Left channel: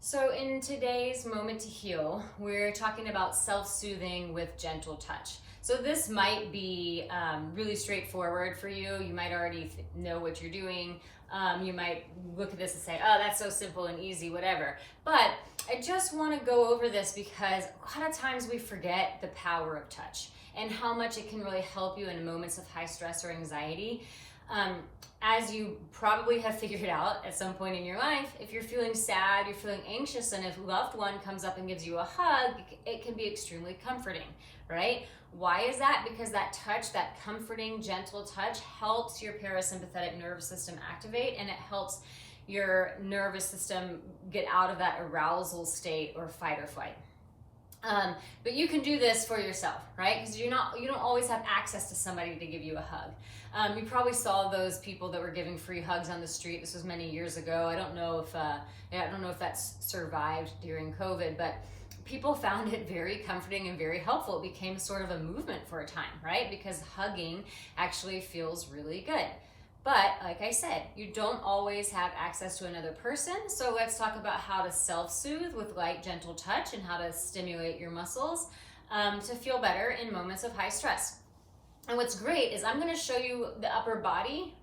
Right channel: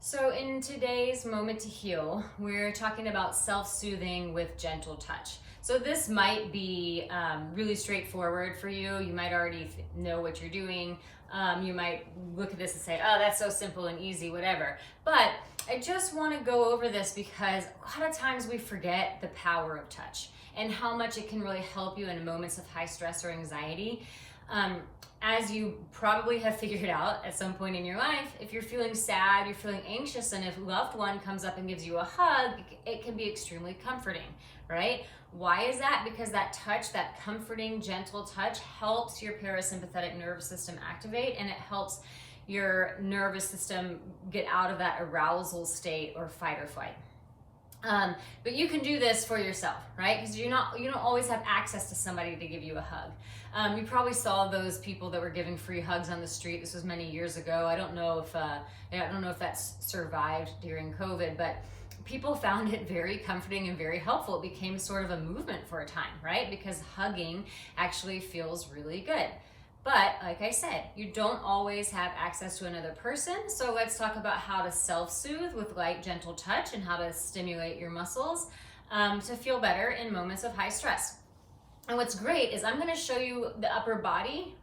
So in today's Moment to Heal, we're talking about self-soothing with gentle touch. So this might be really straightforward for you. You might already know what you're doing. You might look at this and say, oh, that's so simple and easy, whatever. But I just want to go over this because a lot of times we forget the power of touch and how much it can really help you in moments of high stress or anxiety. As you probably have figured out at some point in your life, if you're feeling sad, you're feeling anxious, and if a loved one comes up and gives you a hug, it can be extremely comforting, right? Why is that? Because that touch, that comforting, gentle touch helps your parasympathetic nervous system activate, and it helps your nervous system get out of that arousal state or fight or flight. But you can do this for yourself, right? Because you don't always have access to somebody to give you a hug. You probably saw those people that were giving free hugs on the street. This was many years ago. I don't know if that's survived during COVID, but people found it very comforting and very helpful. It became sort of a movement for a time, right? Because hugging actually feels really good. But like I said, you don't always have access to another person. So let's talk about how to self-soothe with light, gentle touch and how to stimulate your muscles to feel better in moments of high stress. And what's great is I'm going to show you the upper body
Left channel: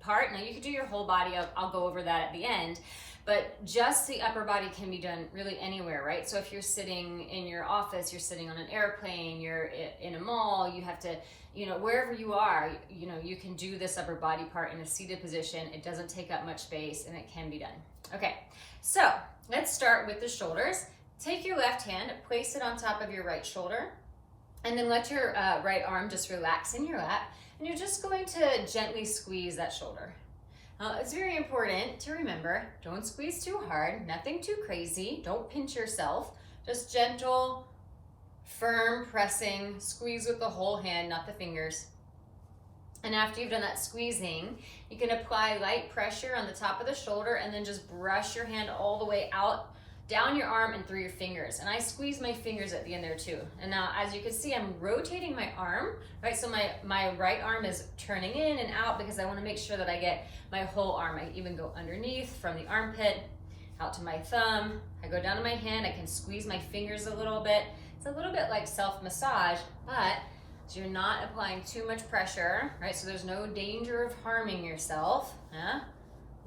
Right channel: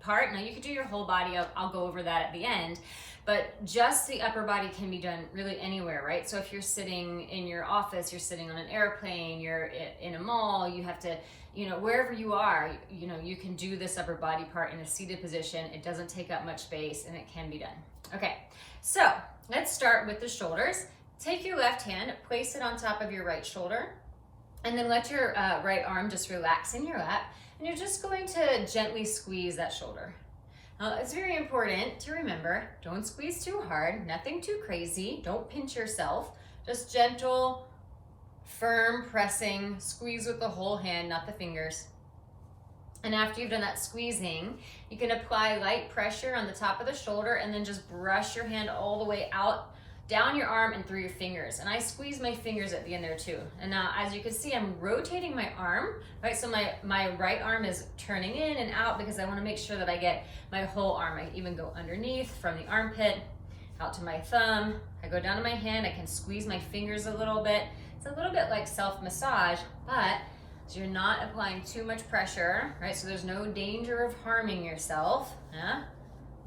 part. Now you could do your whole body. I'll go over that at the end. But just the upper body can be done really anywhere, right? So if you're sitting in your office, you're sitting on an airplane, you're in a mall, you have to, wherever you are, you can do this upper body part in a seated position. It doesn't take up much space and it can be done. Okay, so let's start with the shoulders. Take your left hand, place it on top of your right shoulder, and then let your right arm just relax in your lap. And you're just going to gently squeeze that shoulder. Now, it's very important to remember, don't squeeze too hard, nothing too crazy, don't pinch yourself, just gentle, firm pressing, squeeze with the whole hand, not the fingers. And after you've done that squeezing, you can apply light pressure on the top of the shoulder and then just brush your hand all the way out, down your arm and through your fingers. And I squeeze my fingers at the end there too. And now, as you can see, I'm rotating my arm, right? So my right arm is turning in and out because I want to make sure that I get my whole arm. I even go underneath from the armpit out to my thumb. I go down to my hand. I can squeeze my fingers a little bit. It's a little bit like self-massage, but so you're not applying too much pressure, right? So there's no danger of harming yourself. Yeah?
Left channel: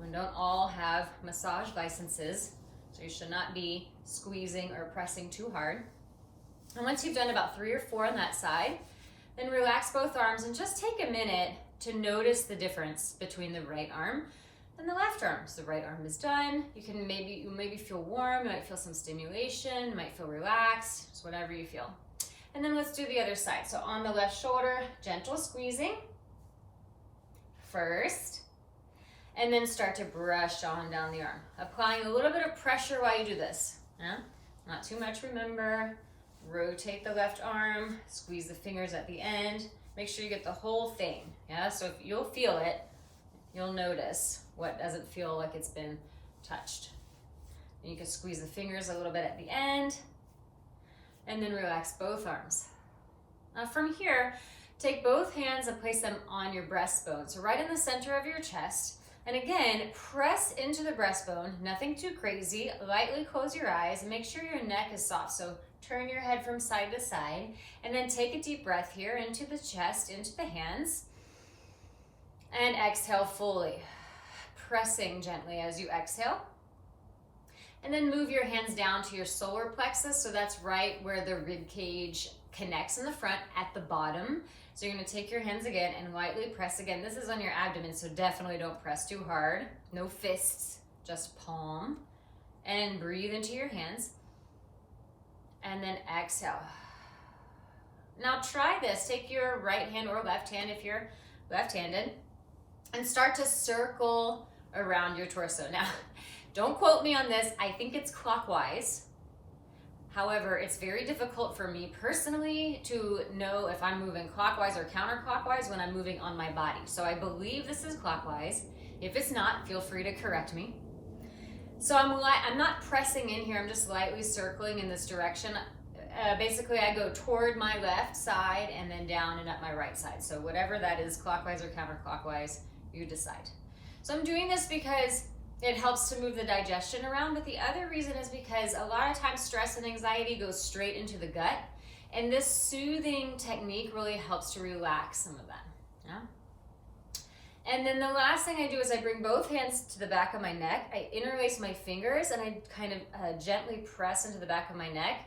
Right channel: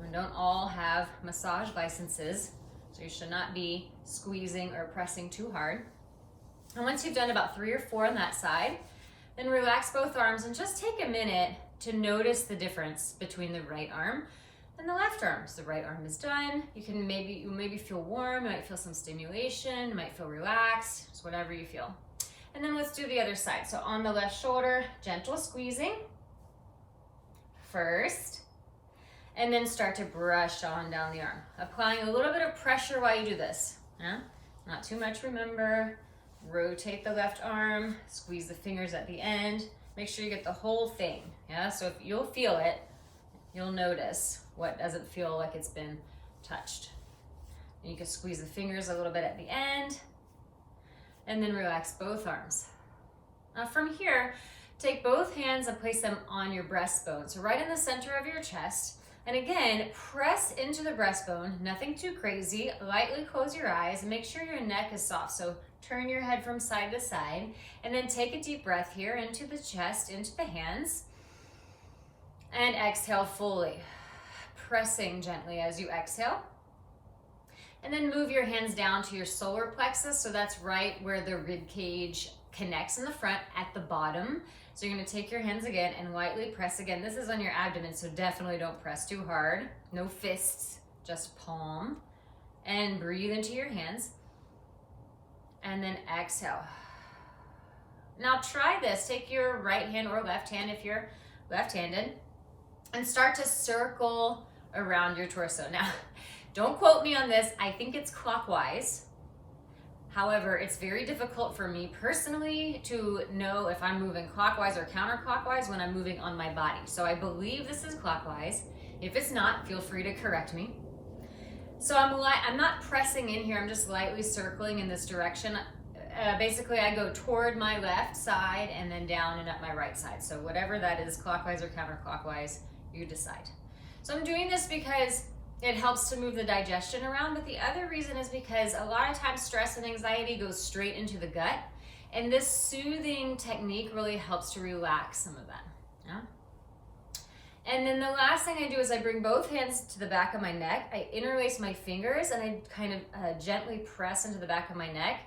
We don't all have massage licenses. So you should not be squeezing or pressing too hard. And once you've done about 3 or 4 on that side, then relax both arms and just take a minute to notice the difference between the right arm and the left arm. So the right arm is done. You maybe feel warm, you might feel some stimulation, you might feel relaxed, just whatever you feel. And then let's do the other side. So on the left shoulder, gentle squeezing first. And then start to brush on down the arm. Applying a little bit of pressure while you do this. Yeah? Not too much, remember. Rotate the left arm, squeeze the fingers at the end. Make sure you get the whole thing. Yeah? So if you'll feel it, you'll notice what doesn't feel like it's been touched. And you can squeeze the fingers a little bit at the end. And then relax both arms. Now from here, take both hands and place them on your breastbone. So right in the center of your chest. And again, press into the breastbone, nothing too crazy. Lightly close your eyes and make sure your neck is soft. So turn your head from side to side and then take a deep breath here into the chest, into the hands. And exhale fully, pressing gently as you exhale. And then move your hands down to your solar plexus. So that's right where the rib cage connects in the front at the bottom. So you're going to take your hands again and lightly press again. This is on your abdomen, so definitely don't press too hard. No fists, just palm. And breathe into your hands. And then exhale. Now try this. Take your right hand or left hand if you're left-handed and start to circle around your torso. Now, don't quote me on this. I think it's clockwise. However, it's very difficult for me personally to know if I'm moving clockwise or counterclockwise when I'm moving on my body. So I believe this is clockwise. If it's not, feel free to correct me. So I'm not pressing in here. I'm just lightly circling in this direction. Basically, I go toward my left side and then down and up my right side. So whatever that is, clockwise or counterclockwise, you decide. So I'm doing this because It helps to move the digestion around, but the other reason is because a lot of times stress and anxiety goes straight into the gut, and this soothing technique really helps to relax some of that. Yeah. And then the last thing I do is I bring both hands to the back of my neck. I interlace my fingers and I kind of gently press into the back of my neck.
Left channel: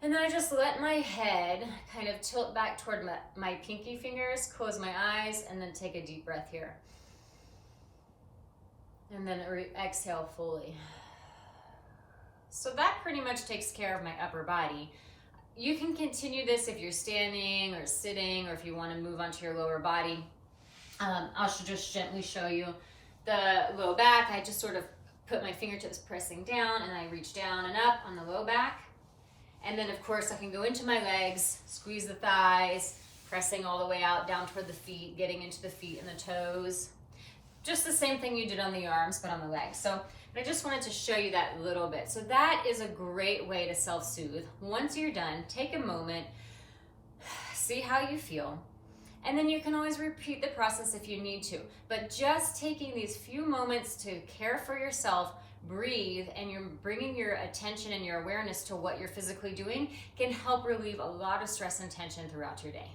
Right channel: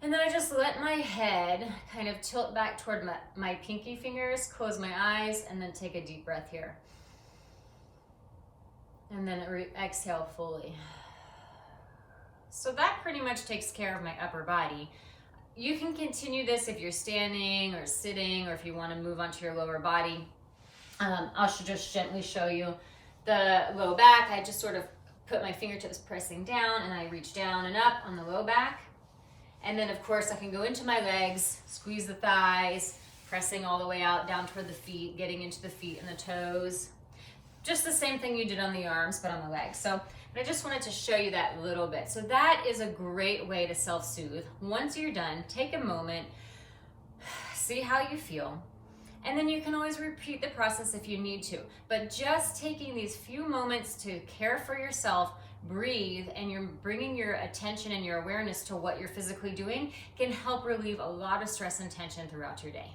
And then I just let my head kind of tilt back toward my pinky fingers, close my eyes, and then take a deep breath here. And then exhale fully. So that pretty much takes care of my upper body. You can continue this if you're standing or sitting, or if you want to move onto your lower body. I'll just gently show you the low back. I just sort of put my fingertips pressing down and I reach down and up on the low back. And then of course I can go into my legs, squeeze the thighs, pressing all the way out down toward the feet, getting into the feet and the toes. Just the same thing you did on the arms, but on the legs. So I just wanted to show you that little bit. So that is a great way to self-soothe. Once you're done, take a moment, see how you feel. And then you can always repeat the process if you need to. But just taking these few moments to care for yourself, breathe, and you're bringing your attention and your awareness to what you're physically doing can help relieve a lot of stress and tension throughout your day.